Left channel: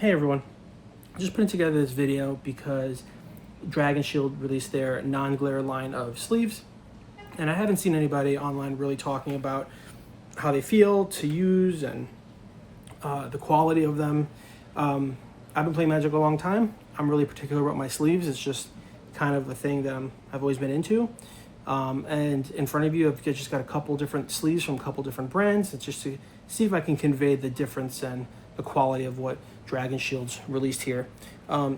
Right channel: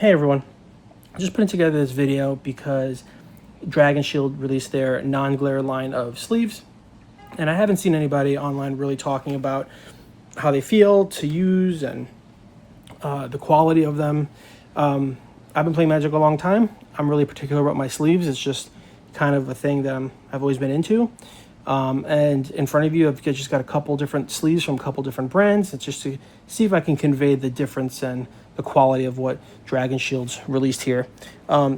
Hey everyone, just putting together this video because Dragon Shield released their non-glare line of sleeves, and I haven't seen anybody online really talking about how they feel to use and the quality of them. I've been playing Magic a long time. I'm really particular about my sleeves. It's just kind of a thing that I've always been into. And in front of you, I've just got a couple different sleeves from a couple different brands. It's just to see if I can convey the difference and the quality of what Dragon Shield's released here.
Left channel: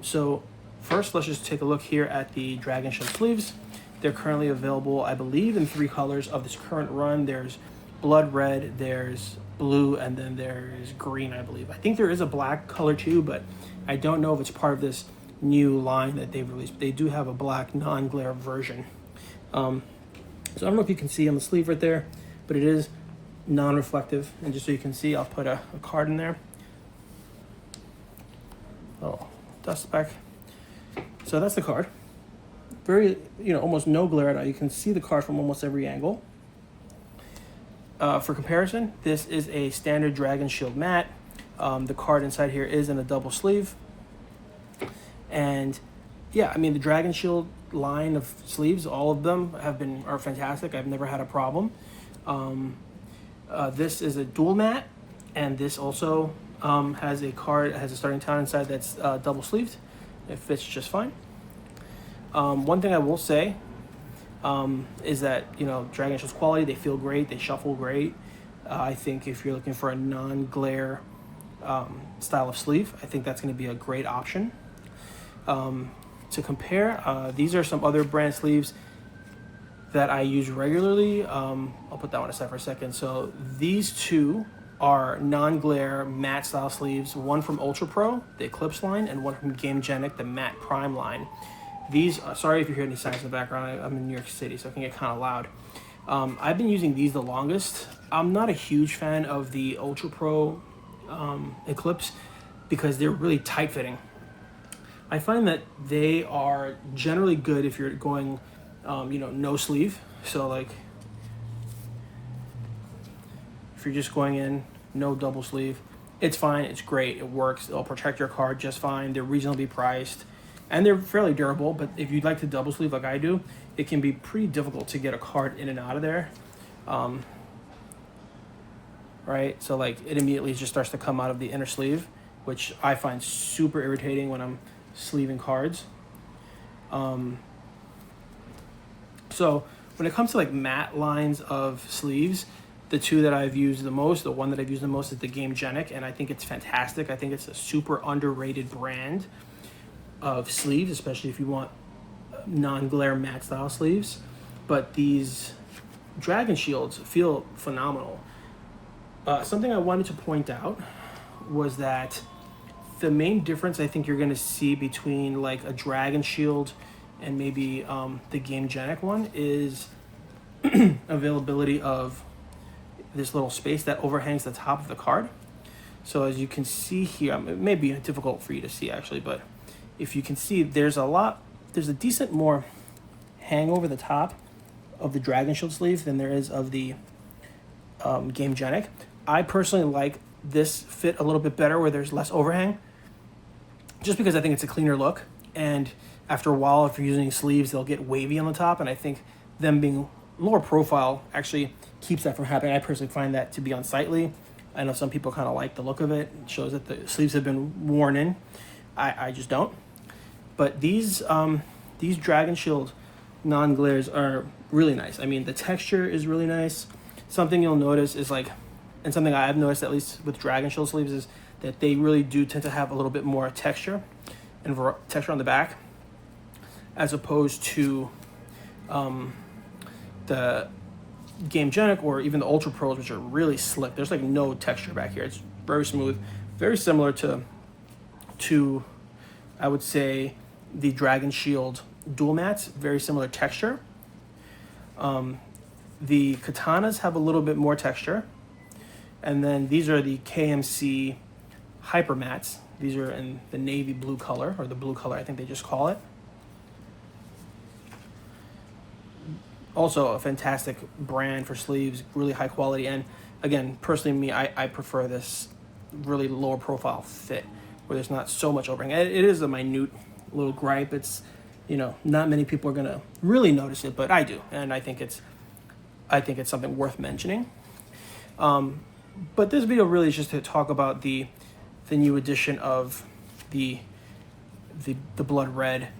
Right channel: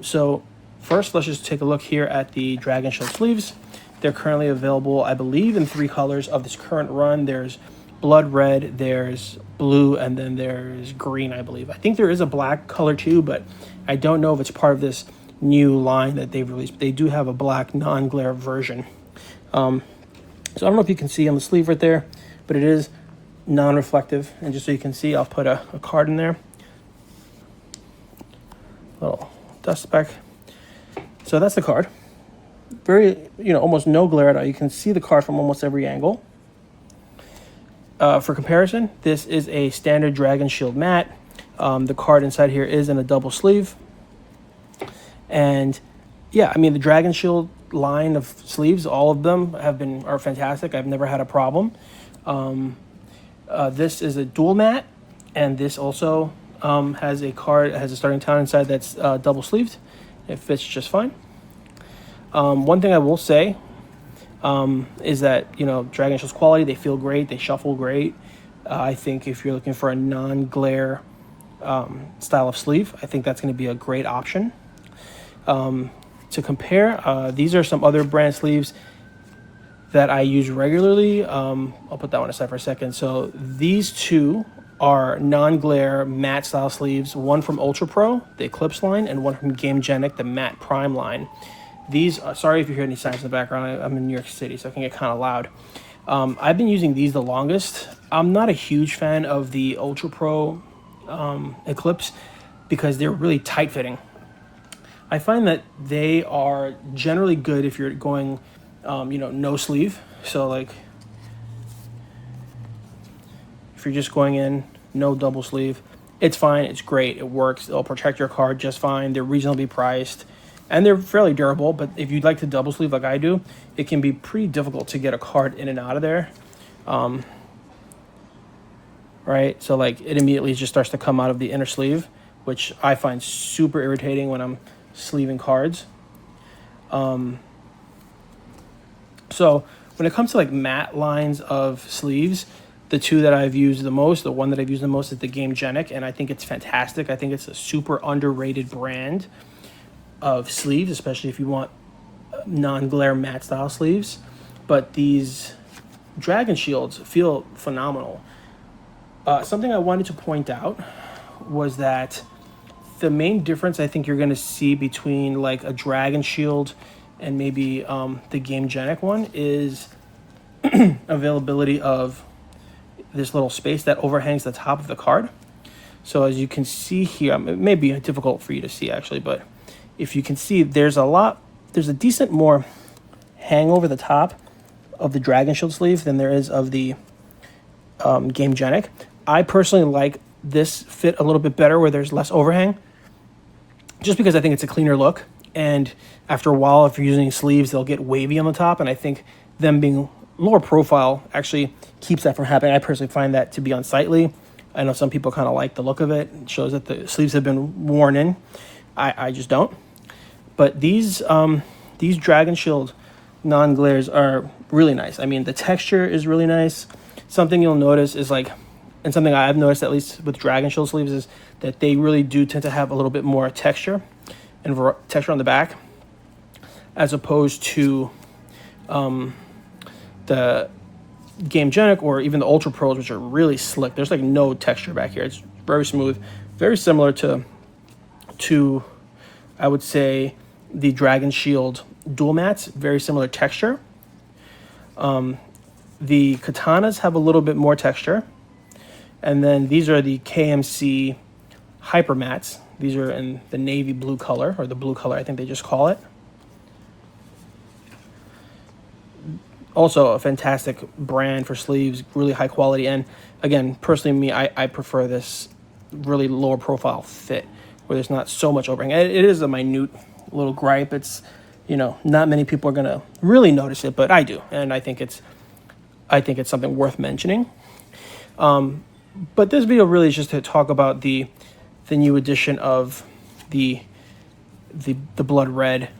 So first, let's just take a look here at the Dragon Shield sleeves. They're currently available, I believe, in 3 colors of this current run. There's blood red, there's blue, and then there's green, I believe. I think there is a black color too, but I don't know if it's part of this new line that they've released. They do have a black non-glare version. So I don't know if you can see on the sleeve right there, but it is non-reflective. And just so you can see, I'll put a card in there. Little dust speck. So that's the card. Very, almost no glare at all. You can see the card from almost every angle. For comparison, this is a standard Dragon Shield matte. The card inside here is in a double sleeve. And yeah, I mean, the Dragon Shield line of sleeves, all of them are fantastic. I've never had a problem. This is a dual matte, and this also has a starting town inside that's double sleeved. It fits just fine. One thing I will say is that, Dragon Shield's quality, they feel great, they shuffle great. I think if you're looking for a non-glare style of sleeve, I think that's going to be a great option. To compare, these are some other brand sleeves that I use regularly. I'll put that one aside for a second. So these two are non-glare matte style sleeves, one from Ultra Pro, the Eclipse line, and one from Gamegenic, the Matte Prime line. These, sorry if you hear any sounds in the background, I'm in New York City, so it can get kind of loud. I've been using these the longest. I'm not a huge fan of the Ultra Pro Eclipse because they're really tight fitting. I find that they are generally good if you're going, no sleeve. So like, if you're just going in, no double sleeve, it's fine, it's great, it works, it'll protect your card just fine, they're reasonably priced, and they're fairly durable. But if you'd like to double sleeve like I do, it can be pretty difficult to get a card in and out of there. Right, so like it immediately just starts to come out of the inner sleeve, which I find super irritating when I'm sleeving cards. So when it comes to like matte lines of sleeves, the two that I've used the most, the one that I've used the most is the Gamegenic, and I think it's fantastic. I think it's a super underrated brand of sleeves, especially if you want non-glare matte style sleeves. But these Dragon Shields feel phenomenal. Something I wanted to point out was that the main difference I think you're going to see between like a Dragon Shield and maybe the Gamegenic one is availability of this little space that overhangs the top of the card. So as you can see here, it may be difficult for you to see actually, but if you can see, there's a decent more hang over the top of the Dragon Shield sleeve than there is of the Gamegenic. I personally like this fit a little bit better where there's less overhang, just because I think it's a cleaner look. And after a while, if you're using sleeves, they'll get wavy on the top, and I think them being lower profile actually keeps that from happening. I personally find that to be unsightly. I know some people kind of like the look of it. It shows that the sleeves have been worn in. I just don't. But these Dragon Shield non-glares are really nice. I mean, the texture is really nice. Something you'll notice is like, and something I've noticed at least with Dragon Shield sleeves, is that they really do tend to have a little bit more texture and texture on the back, as opposed to the Gamegenic or even the Ultra Pros, which are really slick. There's like no texture back here. It's very smooth, very similar to I would say the Dragon Shield dual mattes, very similar texture. The katanas have a little bit more texture. And then these are the KMC Hyper Mattes. These are in the navy blue color, or the blue color, I think they just call it. Also a fantastic brand for sleeves, really high quality. And again, personally, I prefer this really lower profile fit. where there's not so much overhang. It is a minute little gripe. It's, you know, not many people are gonna really notice it, but I do, and I think it's something worth mentioning. But this video really is just to talk about the new edition of the blood red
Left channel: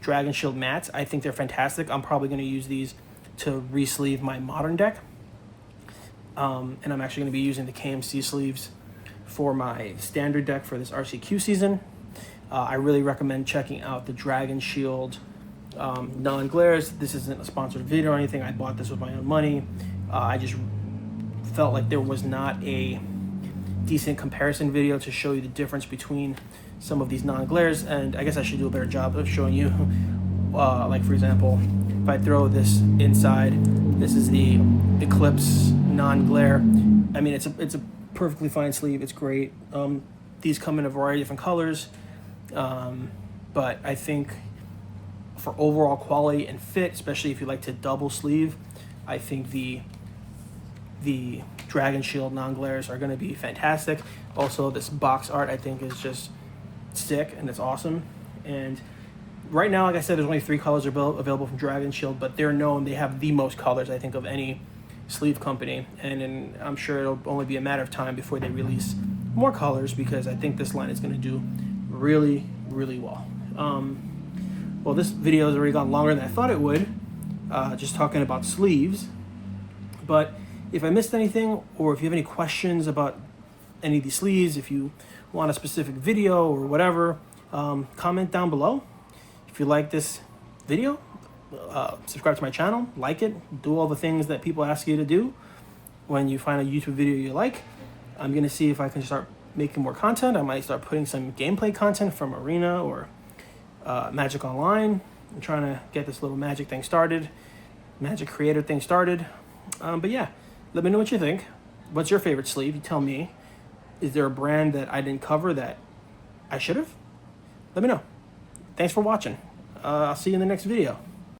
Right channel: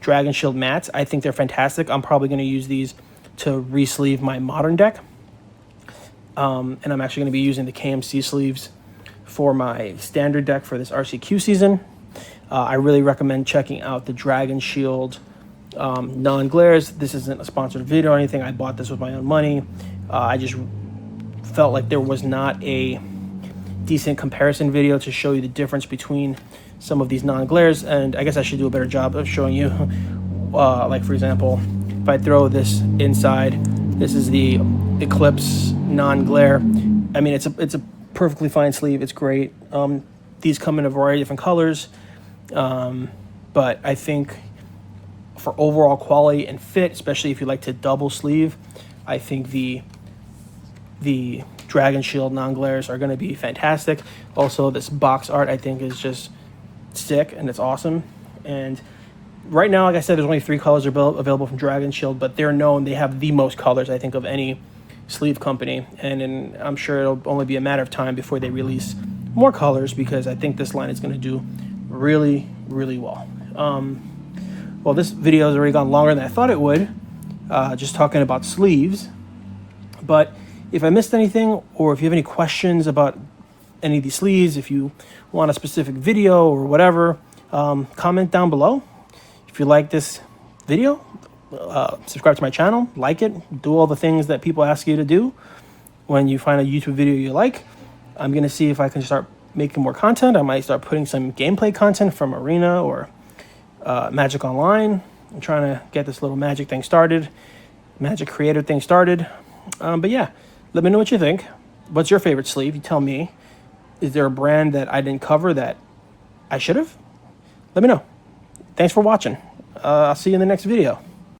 Dragon Shield mats. I think they're fantastic. I'm probably going to use these to re-sleeve my modern deck. And I'm actually going to be using the KMC sleeves for my standard deck for this RCQ season. I really recommend checking out the Dragon Shield non-glares. This isn't a sponsored video or anything. I bought this with my own money. I just felt like there was not a decent comparison video to show you the difference between some of these non-glares, and I guess I should do a better job of showing you. Like for example, if I throw this inside, this is the Eclipse non-glare. I mean, it's a perfectly fine sleeve. It's great. These come in a variety of different colors, but I think for overall quality and fit, especially if you like to double sleeve, I think the Dragon Shield non-glares are going to be fantastic. Also, this box art I think is just sick and it's awesome. And right now, like I said, there's only 3 colors available from Dragon Shield, but they're known, they have the most colors I think of any sleeve company, and I'm sure it'll only be a matter of time before they release more colors, because I think this line is going to do really, really well. Well, this video has already gone longer than I thought it would, just talking about sleeves. But if I missed anything, or if you have any questions about any of these sleeves, if you want a specific video or whatever, comment down below. If you like this video, subscribe to my channel, like it, do all the things that people ask you to do when you find a YouTube video you like. I'm going to see if I can start making more content. I might start putting some gameplay content from Arena or Magic Online. I'm trying to get this little Magic thing started, Magic Creator thing started. But yeah, let me know what you think. What's your favorite sleeve? You tell me. Is there a brand that I didn't cover that I should have? Let me know. Thanks for watching. I'll see you in the next video.